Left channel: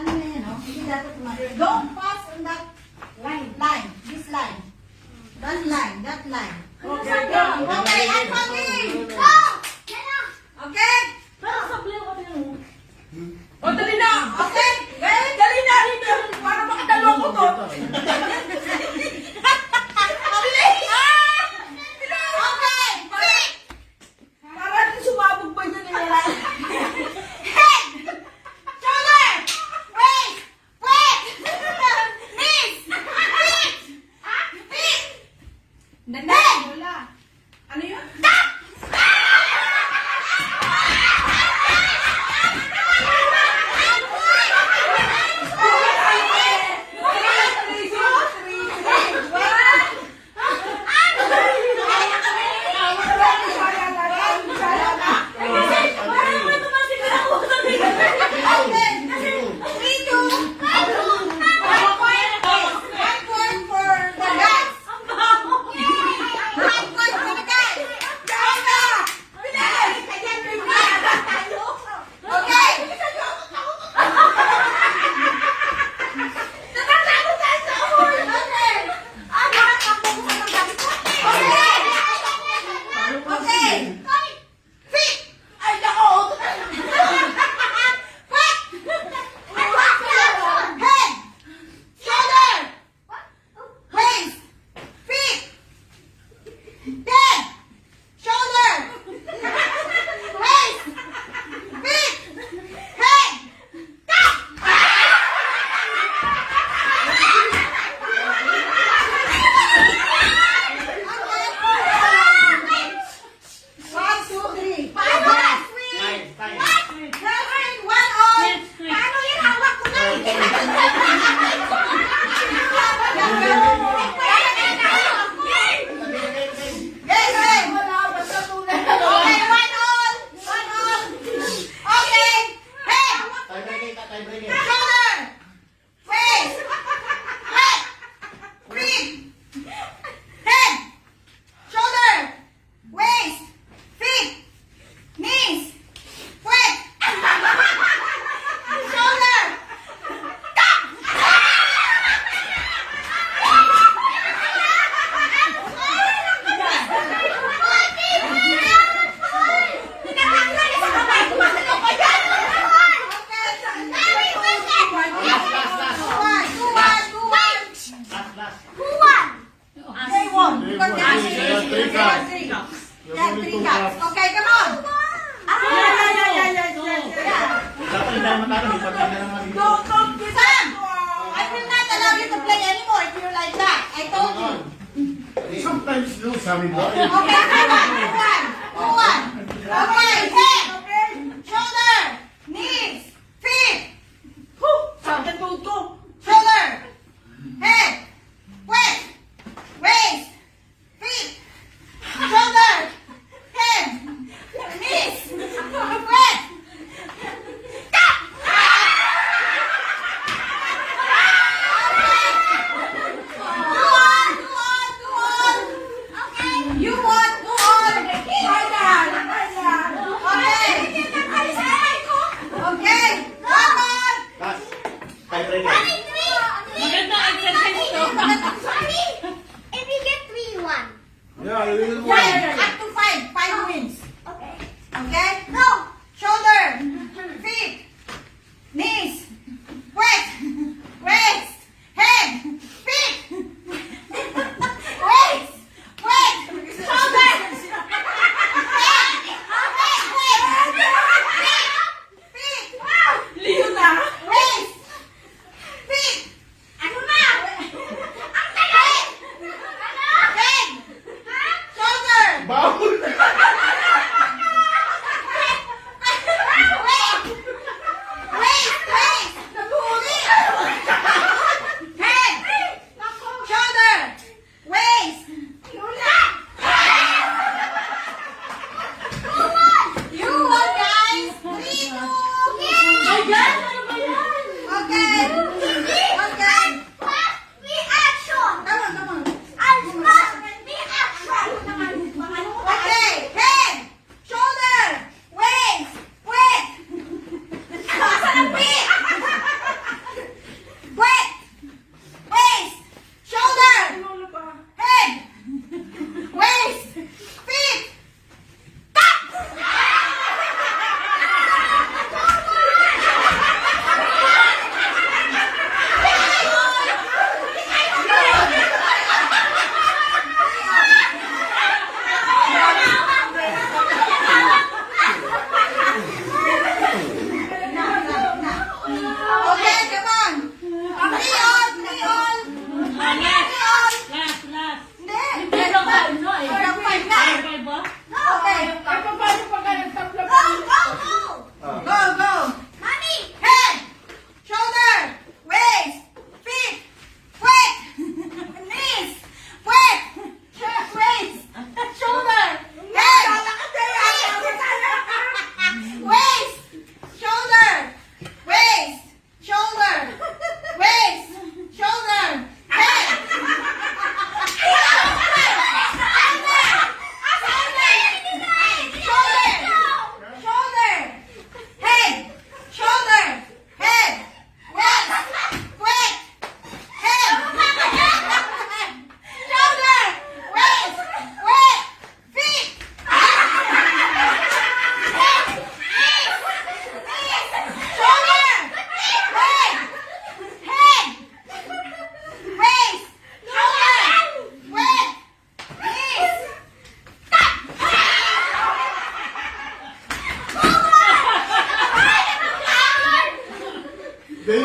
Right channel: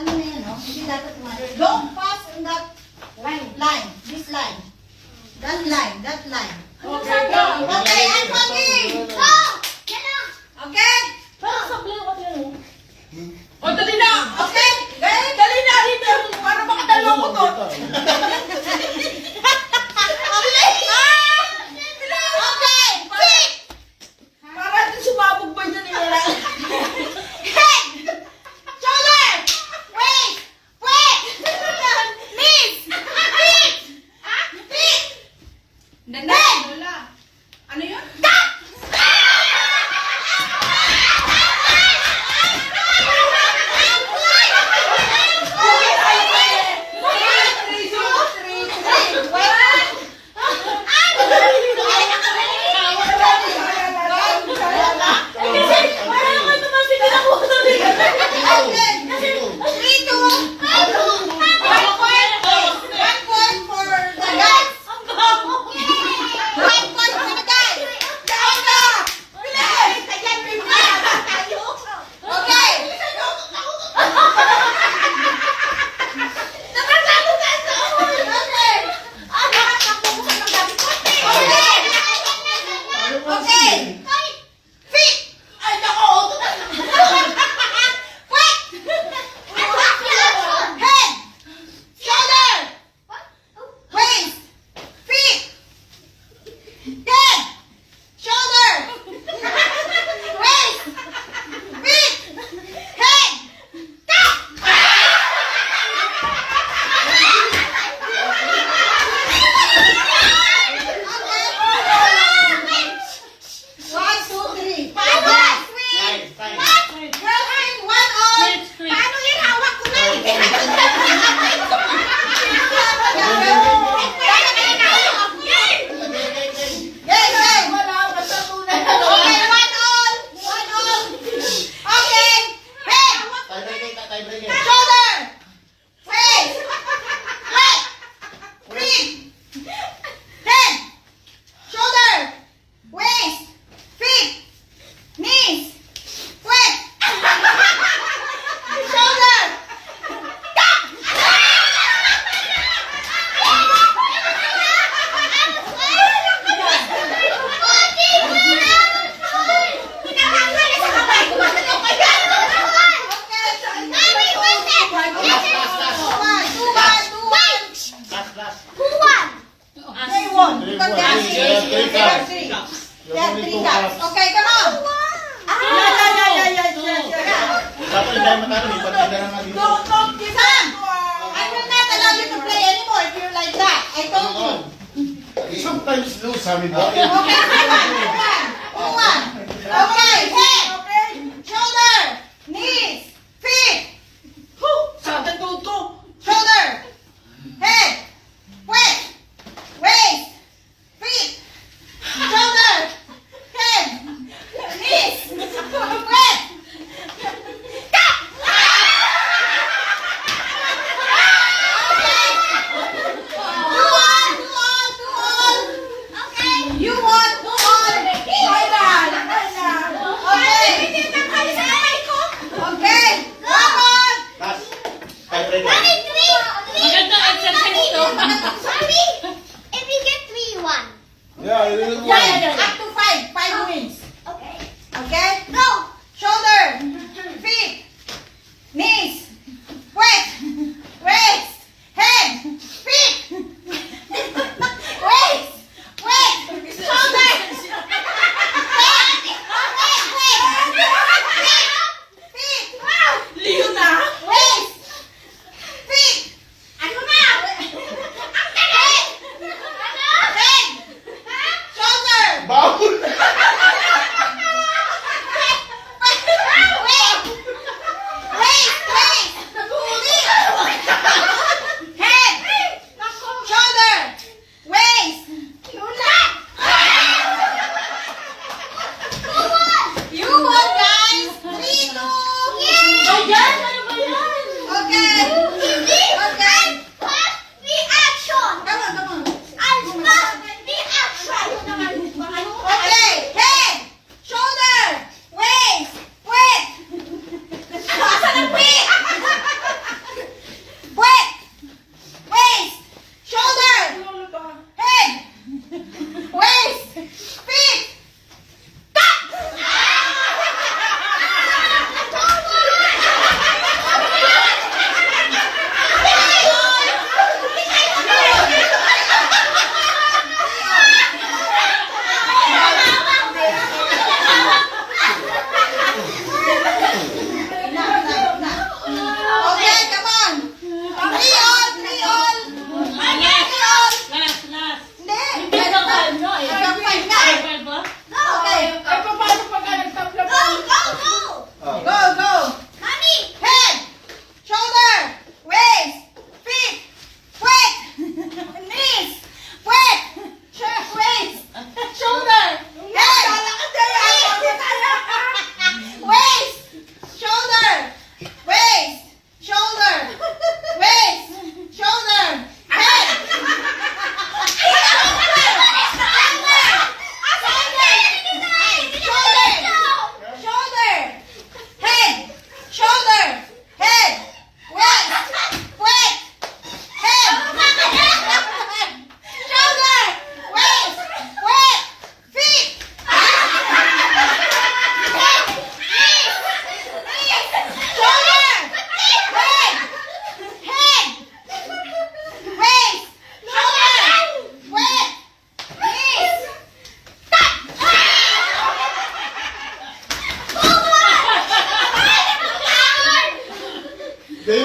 ano na yan, no? Hindi dapat tumagal. Don't pass on that line. This line. That line. Okay, okay, I'm coming. Go! Okay? Pero sabihin ko yan. O, dali na! Okay? Dali na! Dito! Para makadalaw ko to! Okay! Quick! Para natin sumabog ba yun nila? Head! Shoulder! Waist! Waist! Knees! Feet! Feet! Head! Lola! Ano yun? Okay, come on. Dapat hindi tayo matalo, may pagkakita na nga dito. Don't give Sam, I will not allow you to play anymore if you're like that. I told you. Sometimes lose, sabi mo. Okay, move on. Okay, head, shoulder, knees, feet, Sada tuto! shoulder, head, waist, feet, shoulder, head, knees, waist. You want to on. Okay, come on. Last. Tiebreaker. Magandang exercise to. If you get 3-1. Yeah, we will go. Up to 5 wins. Okay. Okay? Go. Shoulder, feet, knees, waist, head, feet, waist, shoulder, feet, Liyo na! waist, feet. Ano na? Ang tagal! Head, shoulder, Baw!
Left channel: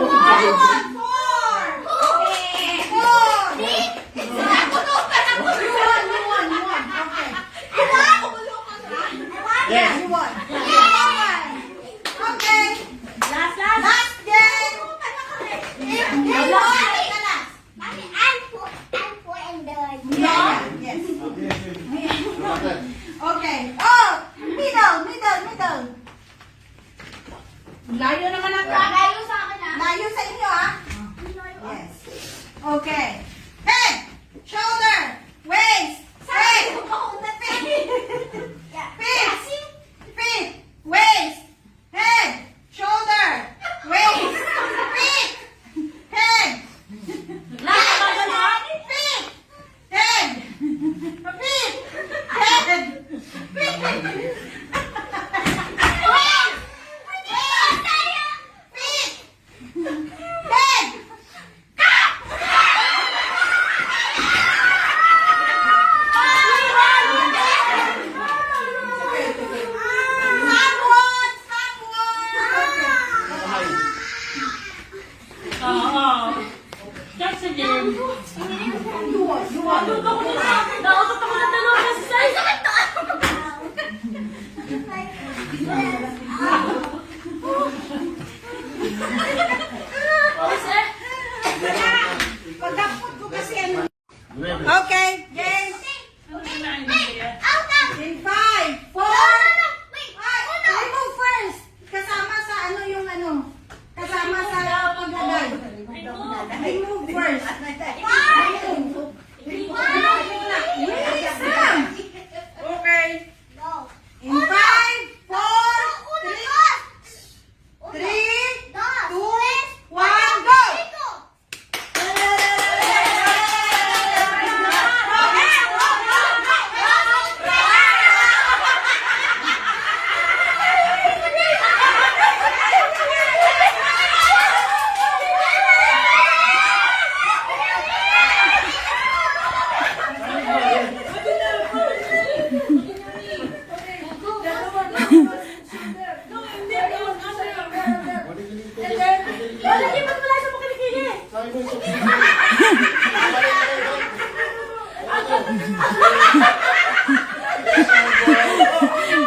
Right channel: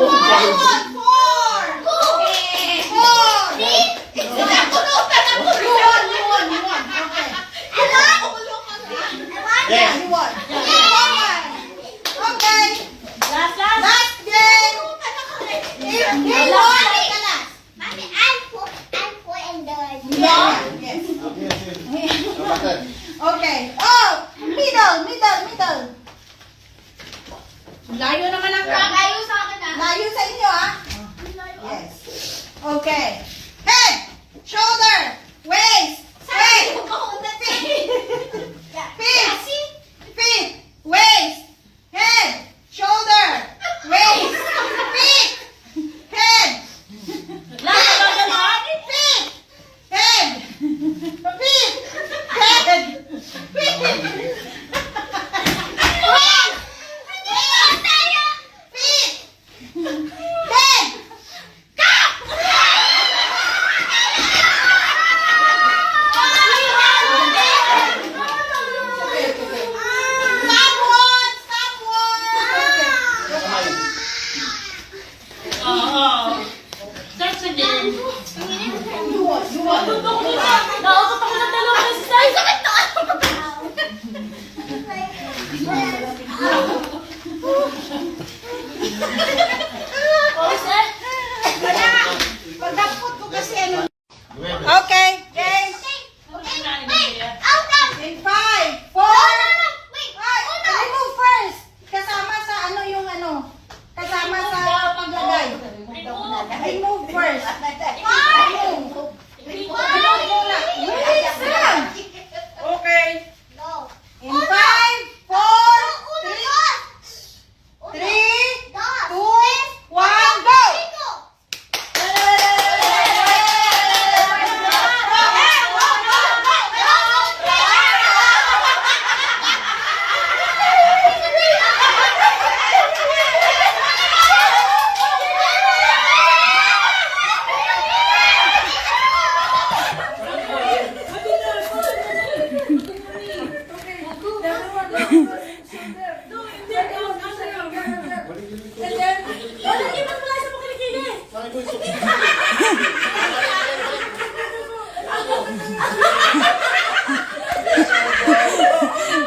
Lemon, 4. 4. You won. Okay. Yes. You won. Okay. Last game. If you won, Mommy, I'm four and the. yes. Yes. Bakit? Okay. Oh, middle. Layo naman ang crack. Layo sa akin ah. Layo sa inyo, ah. Yes. Okay. Head, shoulder, waist, feet, waist, head, shoulder, waist, feet, head, feet, head, Starts again. You won. Nausap ako ng dalawang beses. Pagdapot ko kasi ano. Nueve. Okay, game. In 5, 4. Remove first. Kasama sa ano yung ano. Kasama sa paglagay. Remove first. Remove. Remove muna. Yes, ma'am. Okay. In 5, 4, 3, 2, 1, go!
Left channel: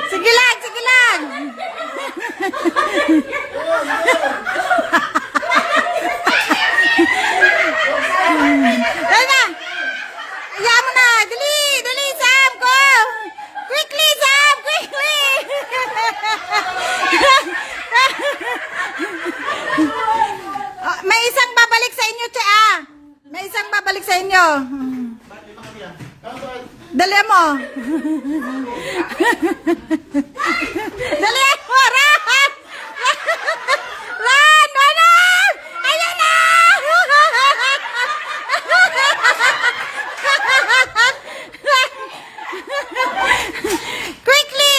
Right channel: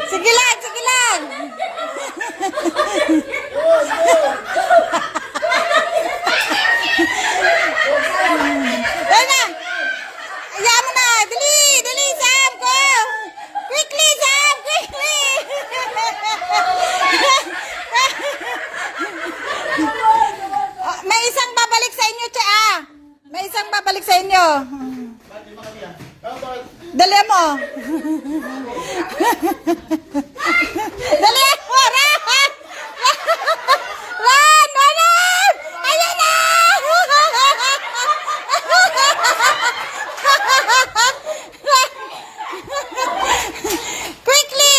Sige lang. Dali na. Ayaw mo na. Dali, Sam ko. Quickly, Sam. Quickly. May isang babalik sa inyo, Cha. May isang babalik sa inyo. Dali mo. Dali mo. Run. Ayun na. Quickly.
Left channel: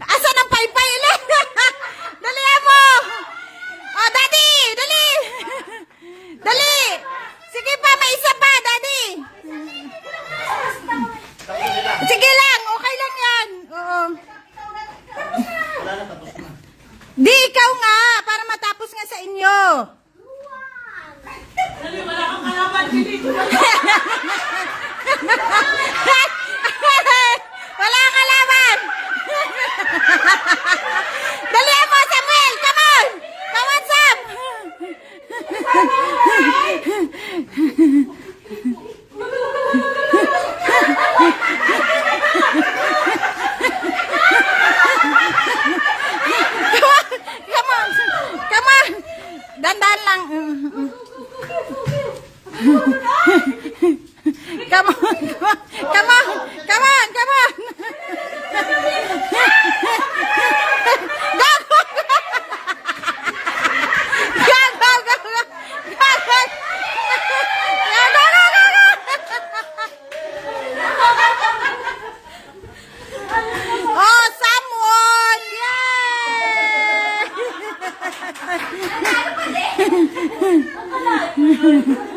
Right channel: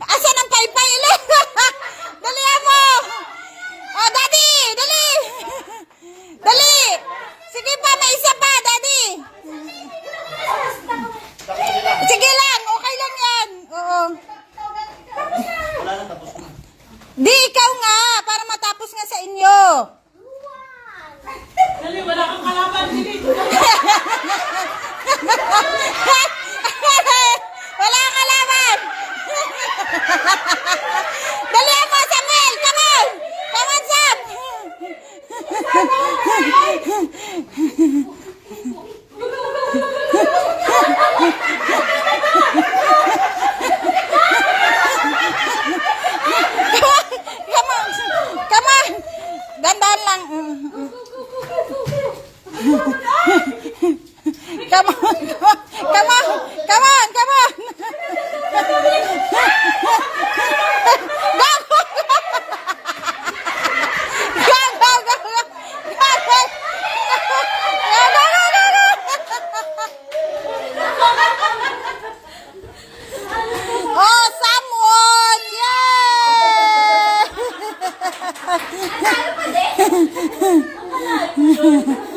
Asan ang paypay? Dali mo. Oh, Daddy, dali. Dali. Sige pa, may isa pa, Daddy. Sige lang, okay lang yan. Oo. Di, ikaw nga, para matapos nga sa inyo. Dali, wala kang kalaban. Dili. Wala ka laban. Dali mo, Samuel. Come on. Come on, Sam. Come on. Dandan lang. Come on. Oh, Samuel! Yay!